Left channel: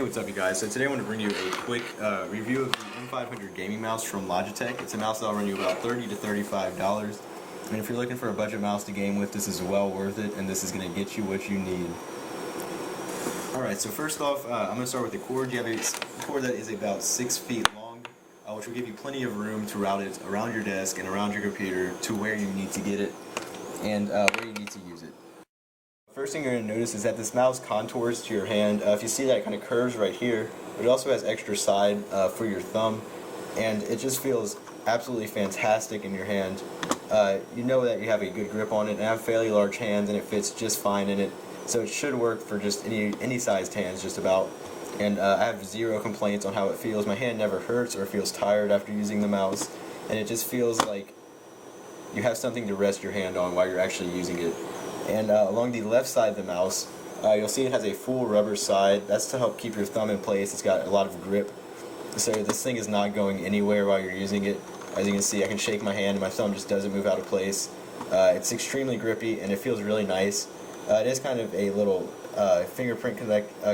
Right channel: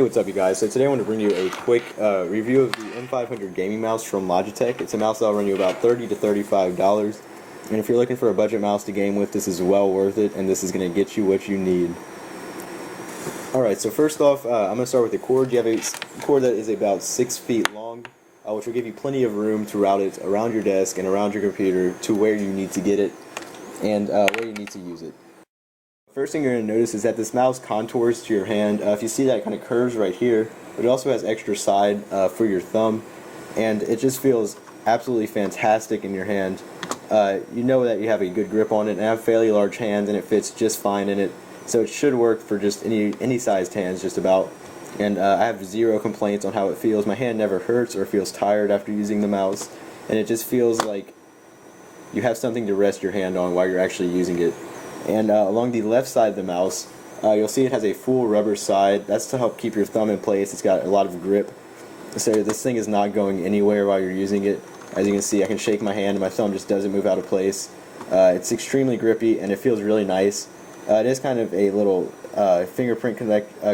Hey, what's up you guys? So today I want to bring you a quick review of the M500 gaming mouse from Logitech. It's a mouse that'll run you about $30 to $35. And if you're looking for a budget mouse to game with, this is well worth it, and this is going to get you what you need. Alright, so first off, I'm going to start with the cord. You have a cord that is about 6 feet long, which will give you plenty of room to route it around your desk and around your computer to where you need to get it and where you need to use it. First thing you're going to notice is that this mouse contours to your hand. If you see that, it kind of curves right here, but it also has extra side for your thumb, and it just feels absolutely fantastic in your hand. You know that you have a good grip on it, and I have fairly large hands, and it fits just fine in it, so it should work for just any sized hands just about. And I have zero complaints on how it feels. My hand never hurts or feels tired after using the mouse, and it just feels like you have something to rest your hand on while you're actually using it. And along the left side of the mouse, you'll see it has a full rubber side. That's to help keep your thumb in place. It's got a lot of grip, so this thing is not going anywhere while you're using it. As you can see, I can shake my hand and my thumb just doesn't move out of place. It's extremely grippy and it feels really nice. It is kind of a little fingerprint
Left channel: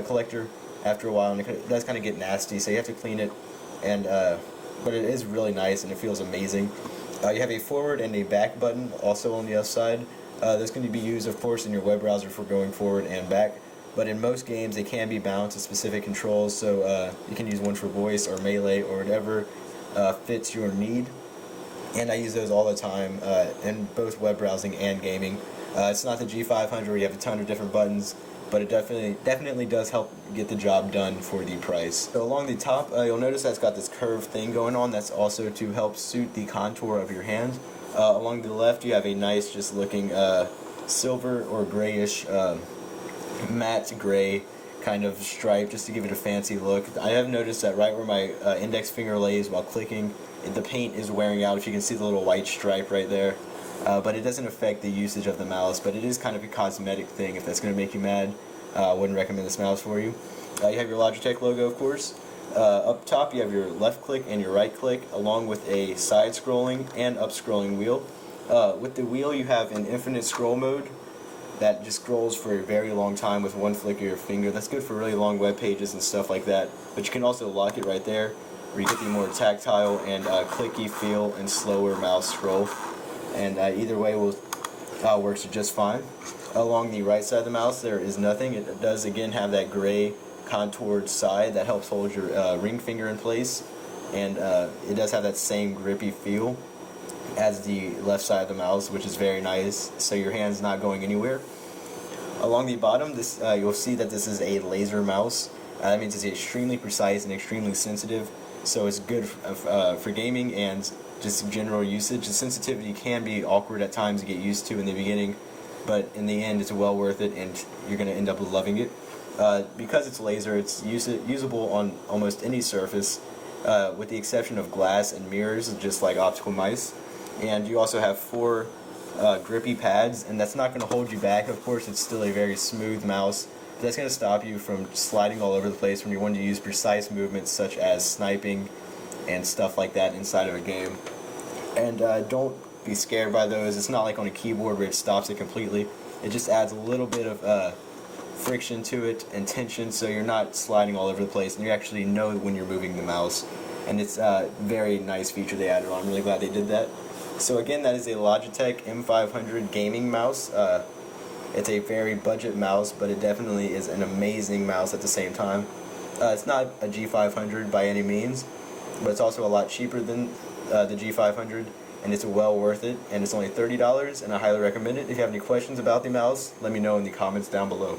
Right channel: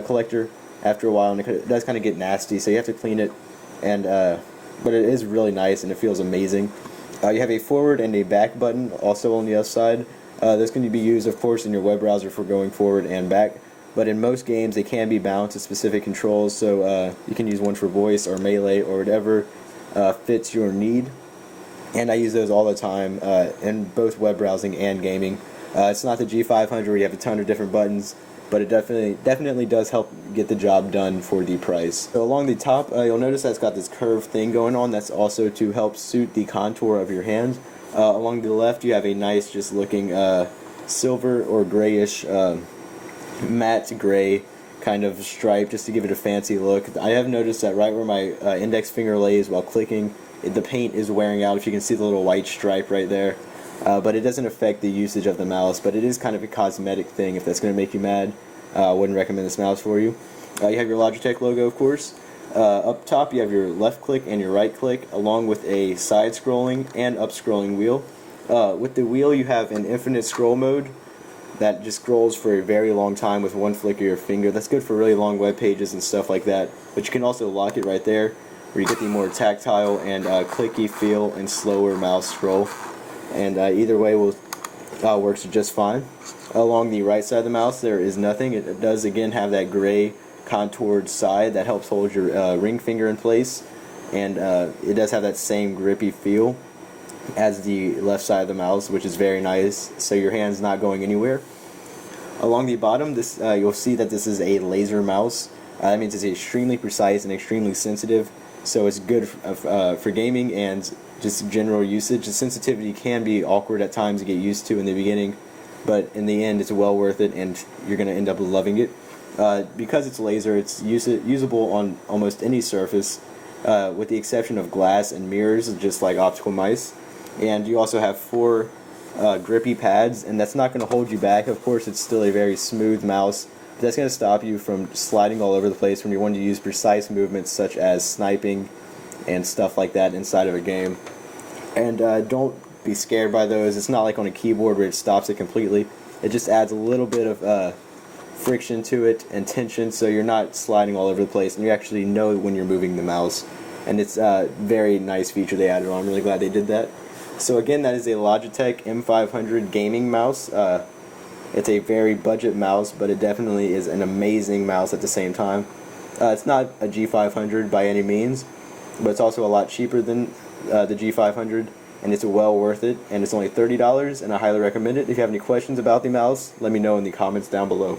collector after a while, and it does kind of get nasty, so you have to clean it. And but it is really nice and it feels amazing. You have a forward and a back button also on the other side. This can be used, of course, in your web browser for going forward and back, but in most games they can be bound to specific controls, so you can use one for voice or melee or whatever fits your need. And I use those all the time in both web browsing and gaming. It's not the G500 where you have a ton of different buttons, but it definitely does help get the job done for the price. So along the top, you'll notice that it's got this curved thing going on. That's also to help suit the contour of your hand. Along the left, you have a nice, just looking silver or grayish, matte gray kind of stripe, just to give it a fancy look. I have noticed that right where my index finger lays while clicking, the paint is wearing out. If you can see the little white stripe right there, but it doesn't affect the usage of the mouse. But it is kind of a cosmetic thing. If that's going to make you mad, I wouldn't recommend this mouse for you. You have your Logitech logo, of course. Up top you have your left click and your right click, along with a side scrolling and up scrolling wheel. With the wheel you have an infinite scroll mode that just scrolls for a very long time with one flick of your finger. That's good for really long web pages and stuff like that, but you can also lock it right there where you get the more tactile and clicky feel and slower mouse scroll, and either way works just fine. Along the right side of the mouse there is nothing. It does again have that gray contoured side that helps hold your ring finger in place, and it does have that same grippy feel as the left side of the mouse, which is very nice, so your hand's not going anywhere. Along the bottom, this you'll see that this is a laser mouse. That means it's extremely precise and extremely sensitive, so it's good for gaming and just general usage. The sensitivity can be awkward at times to get used to in the beginning, but in the end it's well worth it, and you're going to end up loving it. Because it's laser, it's usable on almost any surface, with the exception of glass and mirrors, just like optical mice. And you also have 4 grippy pads, and that's not going to hold you back. Of course, it's still a very smooth mouse. That's going to stop you from sliding all over the place when you want to use precise movements such as sniping and stuff like that inside of a game. And don't be scared by those. It's not like on a keyboard where it stops it completely. It just adds a little bit of friction to it and tension, so you're not sliding all over the place, and you actually know when you're moving the mouse. And it's a very nice feature they added on. I'm really glad they did that. So again, that is a Logitech M500 gaming mouse. It's a very budget mouse, but it definitely is an amazing mouse at the same time. It's not a G500 by any means, but it's also a lot cheaper than the G500, and it's well worth it, and it's only $30, and I highly recommend it. If you have any questions about the mouse, let me know in the comments down below.